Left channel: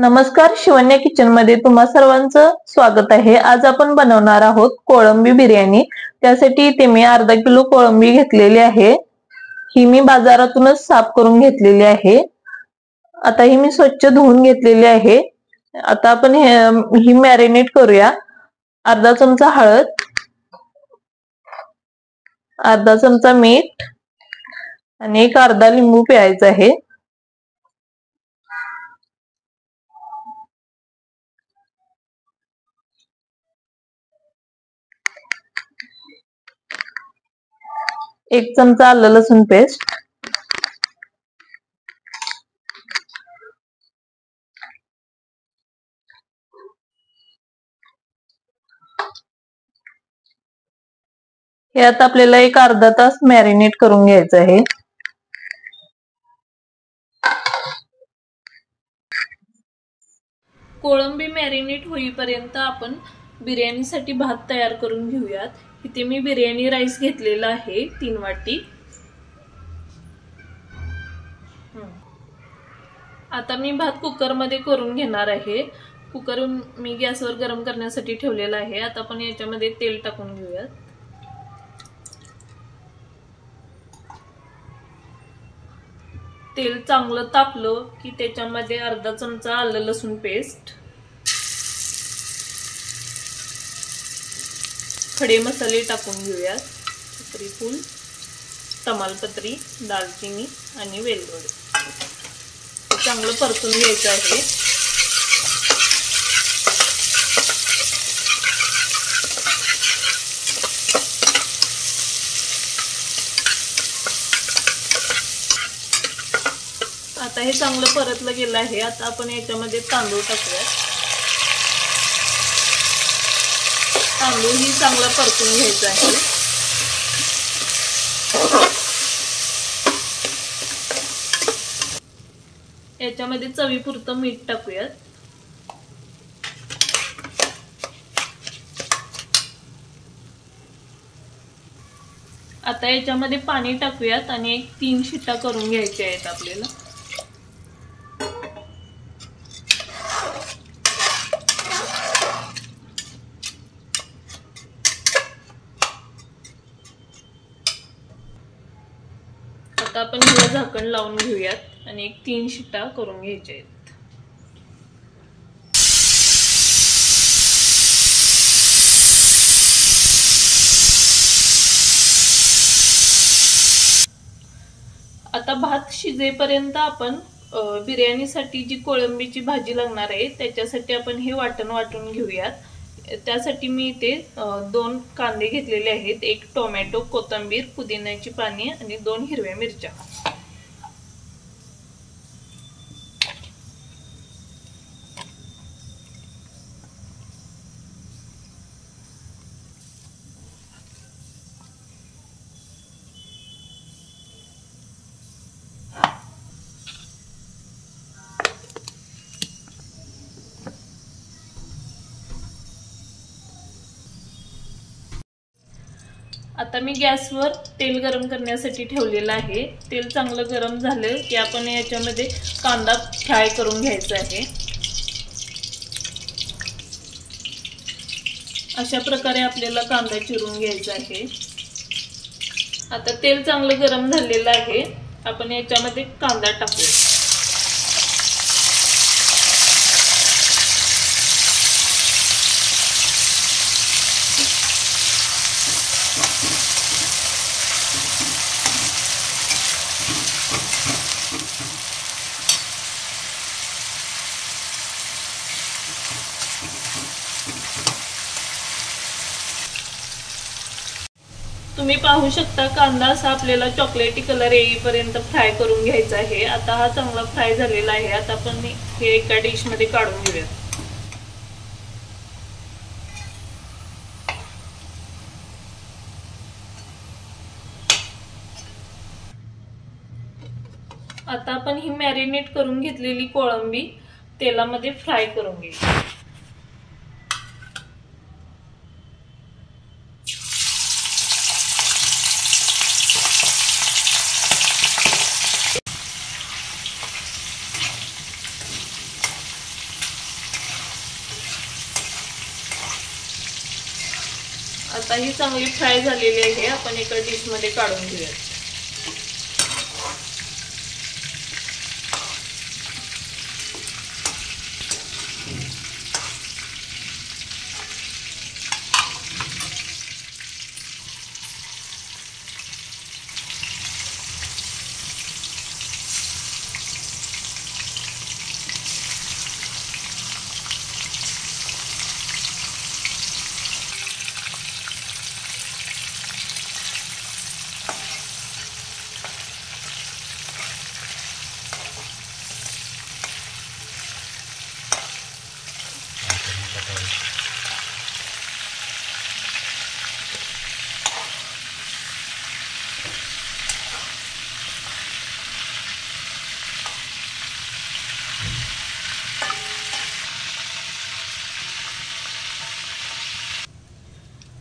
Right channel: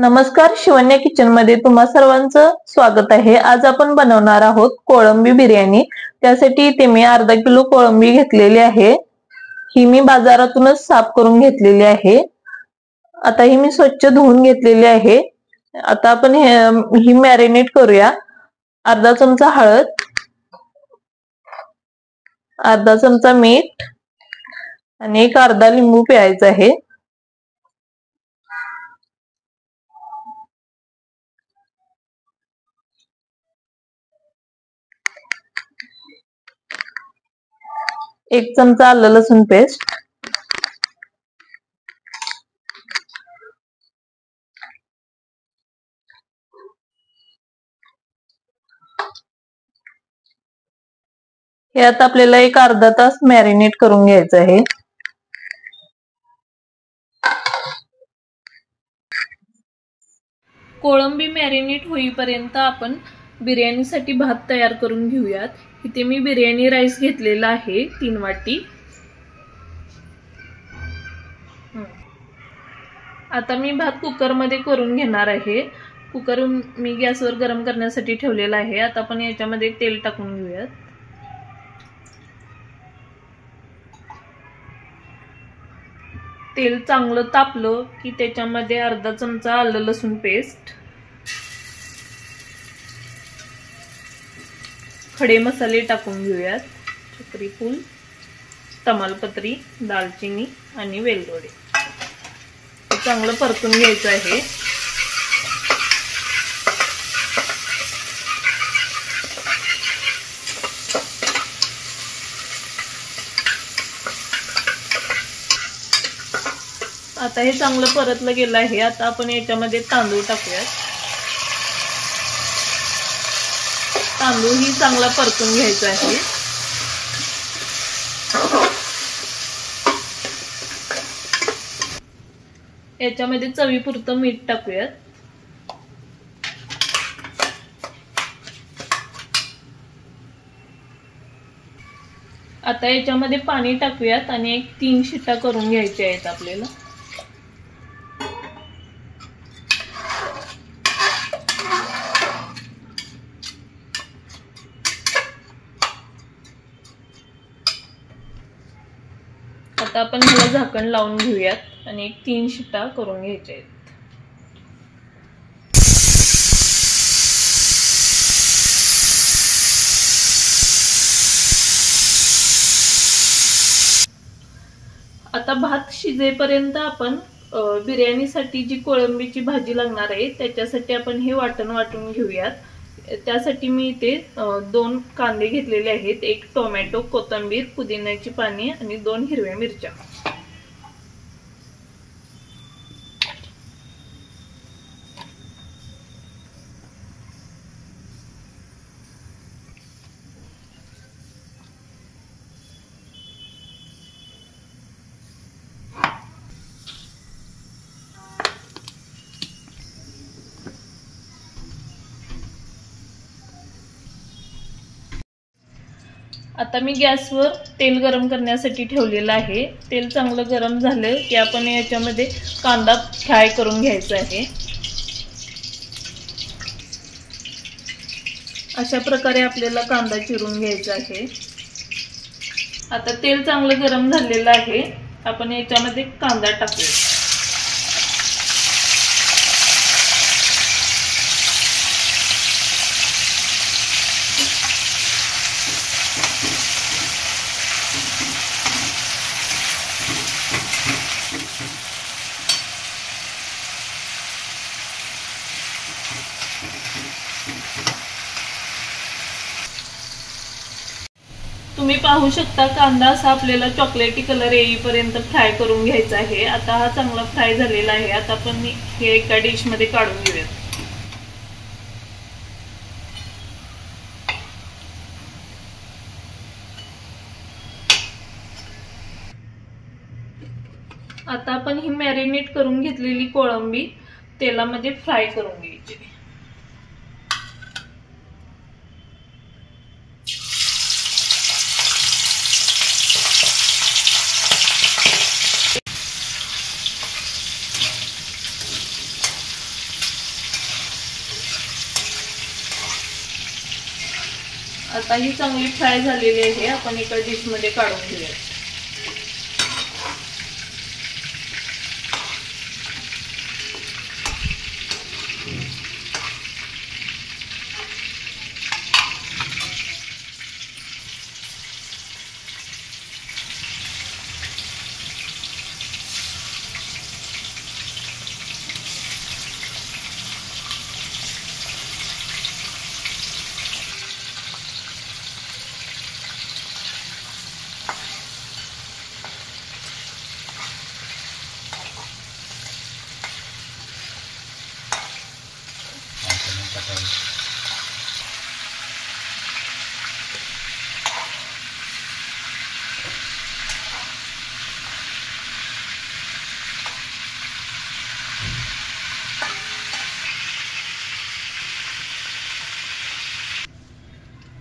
नमस्कार, शिवन्या किचन मध्ये तुम्हा सर्वांचं स्वागत आहे। आज आपण बनवणार आहोत कोळंबी बिर्याणी। त्यासाठी इथे मी अर्धा किलो कोळंबी घेतलेली आहे। ही मी बाजारातूनच साफ करून घेतलेली आहे। आता ही मी स्वच्छ धुवून घेतलेली आहे। आता आपण ही मॅरिनेट करूया। अर्धा चमचा हळद, अर्धा चमचा मीठ आणि एक अर्धा लिंबू पिळायचा आहे। एक चमचा आलं लसूण पेस्ट, हे आता आपल्याला एक अर्धा तास मॅरिनेट करून घ्यायचं आहे। कोळंबी मॅरिनेट होईपर्यंत आपण बिर्याणीसाठी भात तयार करून घेऊयात। इथे मी बिर्याणी राईस घेतलेला आहे 3 वाटी। आता मी भात कुकर मध्ये करून घेणार आहे। कुकर मी गॅसवर गरम करण्यासाठी ठेवलेला आहे। आता आपण याच्यामध्ये तेल टाकून घेऊयात। तेल चांगलं तापलं की त्याच्यामध्ये अर्धा चमचा आलं लसूण पेस्ट, खडे मसाले टाकून घेऊयात। चक्रीफूल, तमालपत्री, दालचिनी आणि वेलदोडे हे चांगलं परतून घ्यायचं आहे। आता हे चांगलं परतलं गेलं आहे। आता आपण याच्यामध्ये तांदूळ टाकूया। तांदूळ ही चांगला परतून घ्यायचा आहे। याच्यामध्ये चवीपुरतं मीठ टाकूयात। आता याच्यामध्ये पाणी टाकूयात आणि 3 शिट्ट्या करून घ्यायच्या आहेत आपल्याला। आता आपण ह्याला झाकण लावून घेऊयात आणि 3 शिट्ट्या करून घ्यायच्या आहेत। आता भात शिजेपर्यंत आपण बिर्याणीसाठी जी कोळंबीची भाजी लागणार आहे त्याच्यासाठी आपण हे वाटण वाटून घेऊयात। त्यासाठी मी इथे 2 कांदे घेतलेले आहेत, 1 टोमॅटो, कोथिंबीर, पुदिन्याची पाने आणि 2 हिरव्या मिरच्या। आता मी गॅसवर तेल गरम करण्यासाठी ठेवलेलं आहे। तेल चांगलं गरम झालं की आपण याच्यामध्ये कांदा फ्राय करून घ्यायचा आहे। अशा प्रकारे आपल्याला कांदा चिरून घ्यायचा आहे। आता तेल चांगलं गरम झालेलं आहे। आपण याच्यामध्ये कांदा टाकूया। तुम्ही पाहू शकता कांदा असा आपल्याला चॉकलेटी कलर येईपर्यंत फ्राय करून घ्यायचा आहे। आता हा चांगला फ्राय झालेला आहे। आता आपण हे एका डिश मध्ये काढून घेऊया। आता आपण ही मॅरिनेट करून घेतलेली कोळंबी तेलामध्ये फ्राय करून घेऊ। आता ही चांगली फ्राय झालेली आहे, आपण एका डिश मध्ये काढून घेऊया.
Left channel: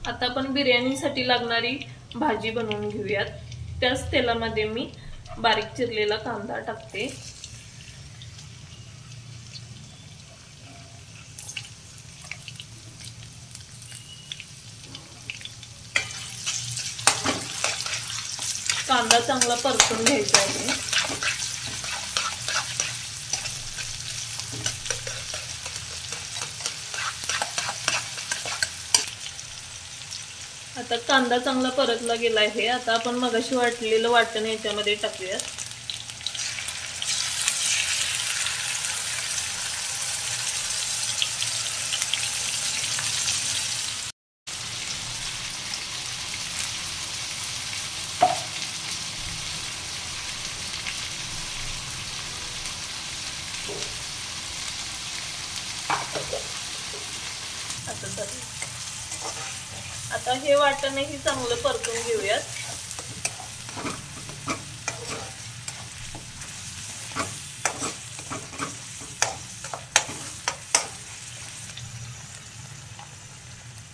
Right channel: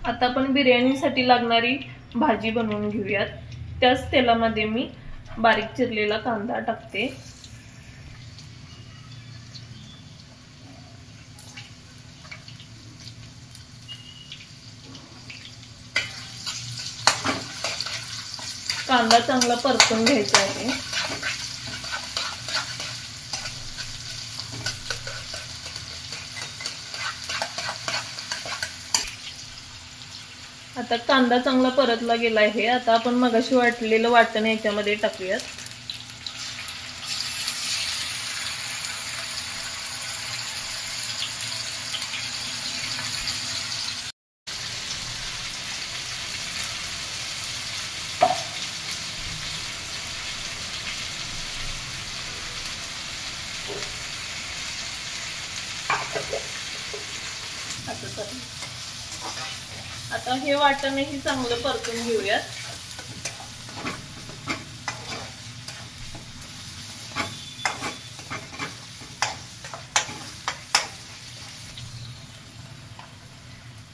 आता आपण बिर्याणीसाठी लागणारी भाजी बनवून घेऊयात. त्याच तेलामध्ये मी बारीक चिरलेला कांदा टाकते. कांदा चांगला परतून घ्यायचा आहे. आता कांदा चांगला परतला गेला आहे. आता आपण मगाशी वाटलेलं वाटण याच्यामध्ये टाकूयात. आता हे वाटणही चांगलं परतून घेऊयात.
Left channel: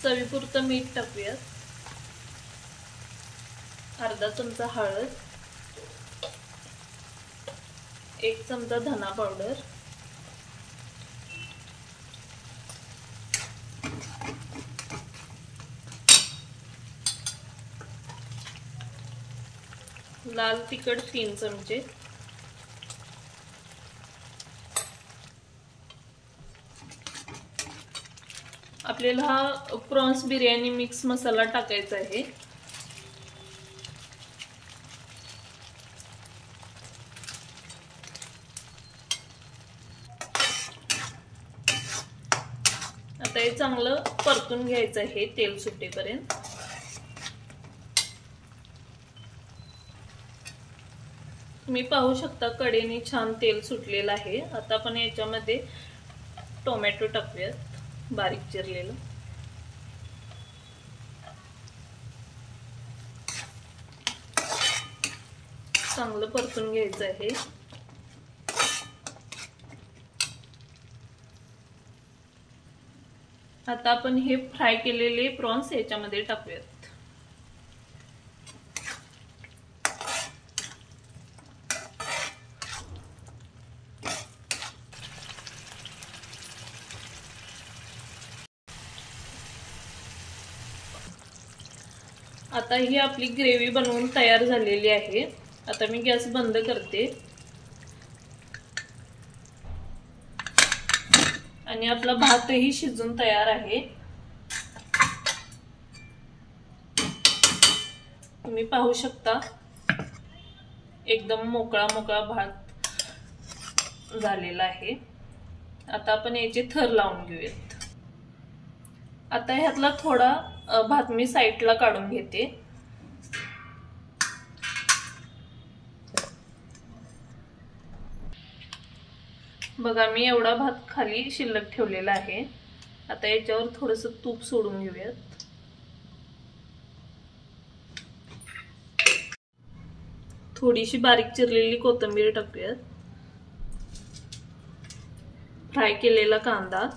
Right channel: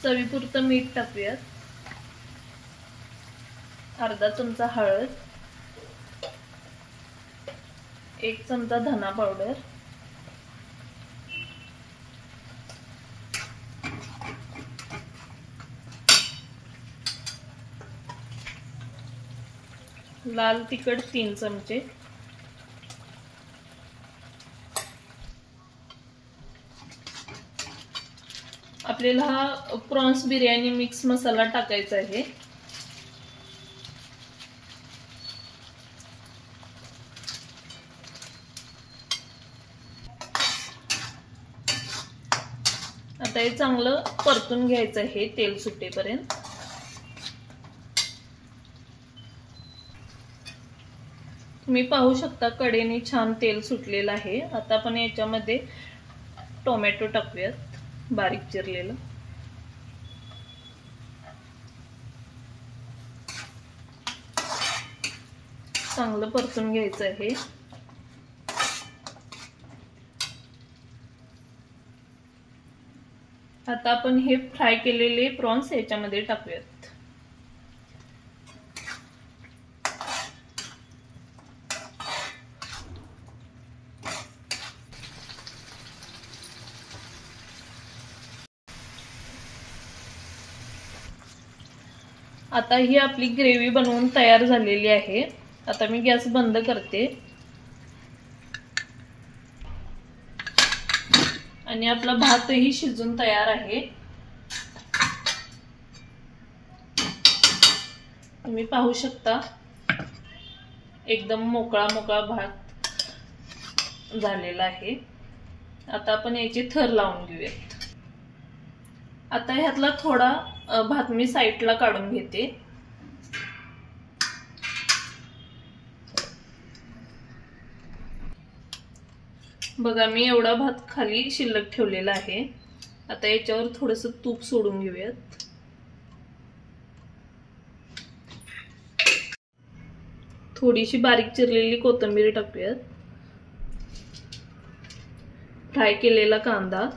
चवीपुरतं मीठ टाकूयात. अर्धा चमचा हळद, 1 चमचा धना पावडर, लाल तिखट 3 चमचे, आपल्याला हा प्रॉन्स बिर्याणी मिक्स मसाला टाकायचा आहे. आता हे चांगलं परतून घ्यायचं आहे तेल सुटेपर्यंत. तुम्ही पाहू शकता कडेने छान तेल सुटलेलं आहे. आता आपण याच्यामध्ये टोमॅटो टाकूयात बारीक चिरलेलं. चांगलं परतून घ्यायचं आहे. आता आपण हे फ्राय केलेले प्रॉन्स याच्यामध्ये टाकूयात. आता ही आपली ग्रेव्ही बनवून तयार झालेली आहे. आता मी गॅस बंद करते आणि आपला भातही शिजून तयार आहे. तुम्ही पाहू शकता एकदम मोकळा मोकळा भात झालेला आहे. आता आपण याचे थर लावून घेऊयात. आता ह्यातला थोडा भात मी साईडला काढून घेते. बघा मी एवढा भात खाली शिल्लक ठेवलेला आहे. आता याच्यावर थोडंसं तूप सोडून घेऊयात. थोडीशी बारीक चिरलेली कोथिंबीर टाकूयात. फ्राय केलेला कांदा,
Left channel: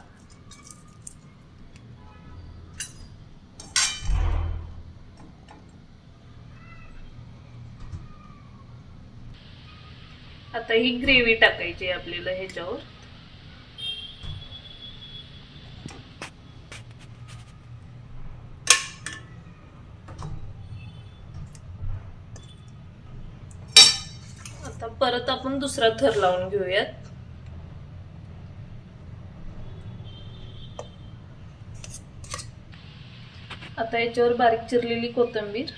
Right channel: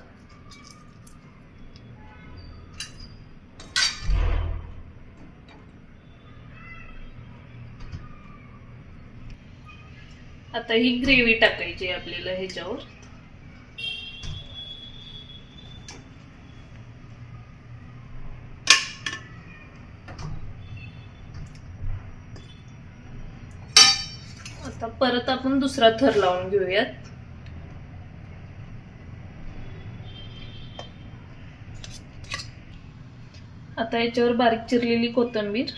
आता ही ग्रेव्ही टाकायची आहे आपल्याला ह्याच्यावर. आता परत आपण दुसरा थर लावून घेऊयात. आता याच्यावर बारीक चिरलेली कोथिंबीर,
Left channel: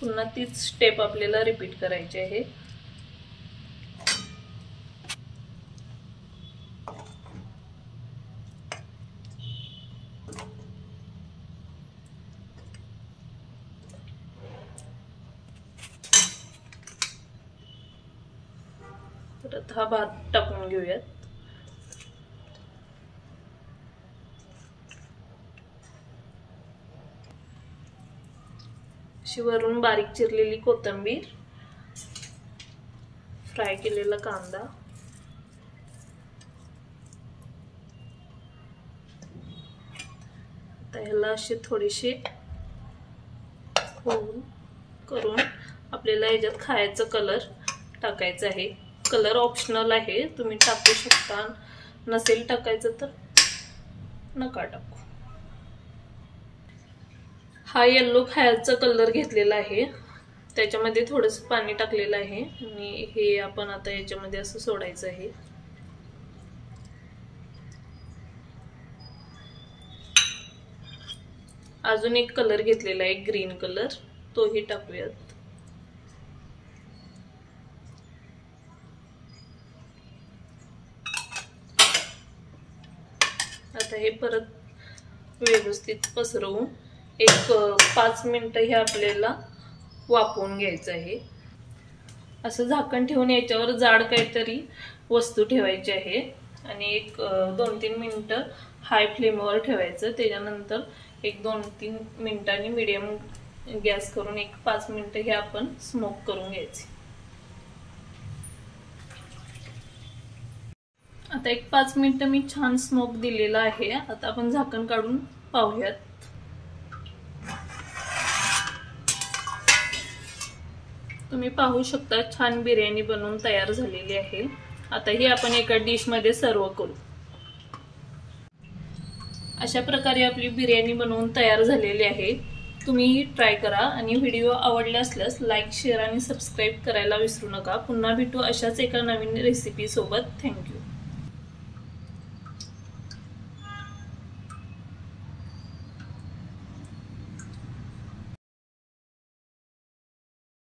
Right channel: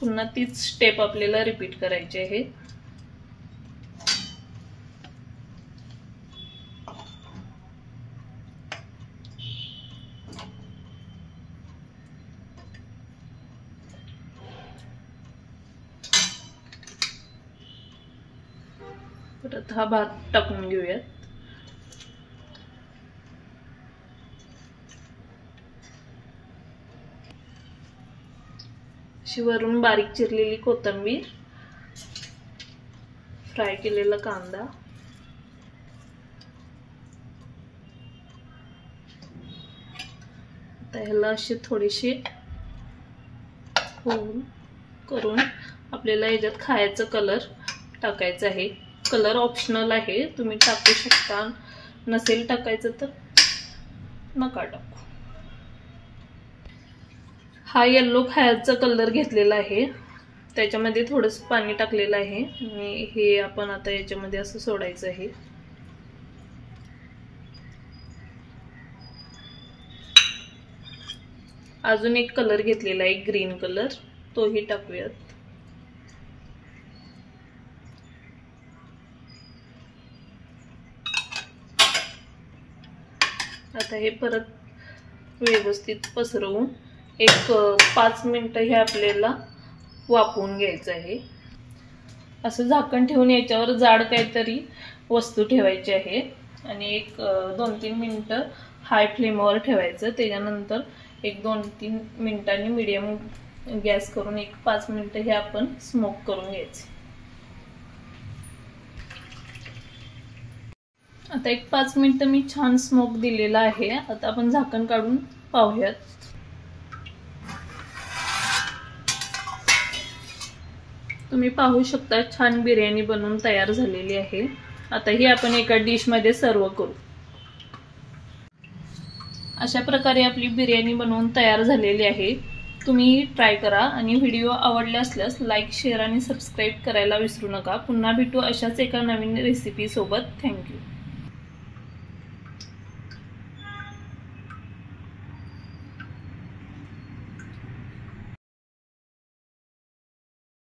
पुन्हा तीच स्टेप आपल्याला रिपीट करायची आहे. परत हा भात टाकून घेऊयात. अशी वरून बारीक चिरलेली कोथिंबीर, फ्राय केलेला कांदा, आता ह्याला असे थोडेसे होल करून आपल्याला याच्यात खायचा कलर टाकायचा आहे. कलर ऑप्शनल आहे, तुम्ही टाकू शकता, नसेल टाकायचं तर नका टाकू. हा येलो खायचा कलर घेतलेला आहे, त्याच्यामध्ये थोडंसं पाणी टाकलेलं आहे आणि हे आपण आता याच्यामध्ये असं सोडायचं आहे. अजून एक कलर घेतलेला आहे ग्रीन कलर, तोही टाकूयात. आता हे परत व्यवस्थित पसरवून एक 5 मिनिटं हे आपल्याला वाफवून घ्यायचं आहे. असं झाकण ठेवून याच्यावर जाड काहीतरी वस्तू ठेवायची आहे आणि एक 2-3 मिनिटं हाय फ्लेमवर ठेवायचं. त्याच्यानंतर एक 2-3 मिनिटांनी मीडियम गॅस करून एक 5 मिनिटं हे आपण स्मोक करून घ्यायचे. आता एक 5 मिनिटं मी छान स्मोक दिलेला आहे. आता आपण झाकण काढून पाहूयात. तुम्ही पाहू शकता छान बिर्याणी बनवून तयार झालेली आहे. आता ही आपण एका डिश मध्ये सर्व करू. अशा प्रकारे आपली बिर्याणी बनवून तयार झालेली आहे. तुम्ही ट्राय करा आणि व्हिडिओ आवडला असल्यास लाईक, शेअर आणि सबस्क्राईब करायला विसरू नका. पुन्हा भेटू अशाच एका नवीन रेसिपी सोबत. थँक्यू.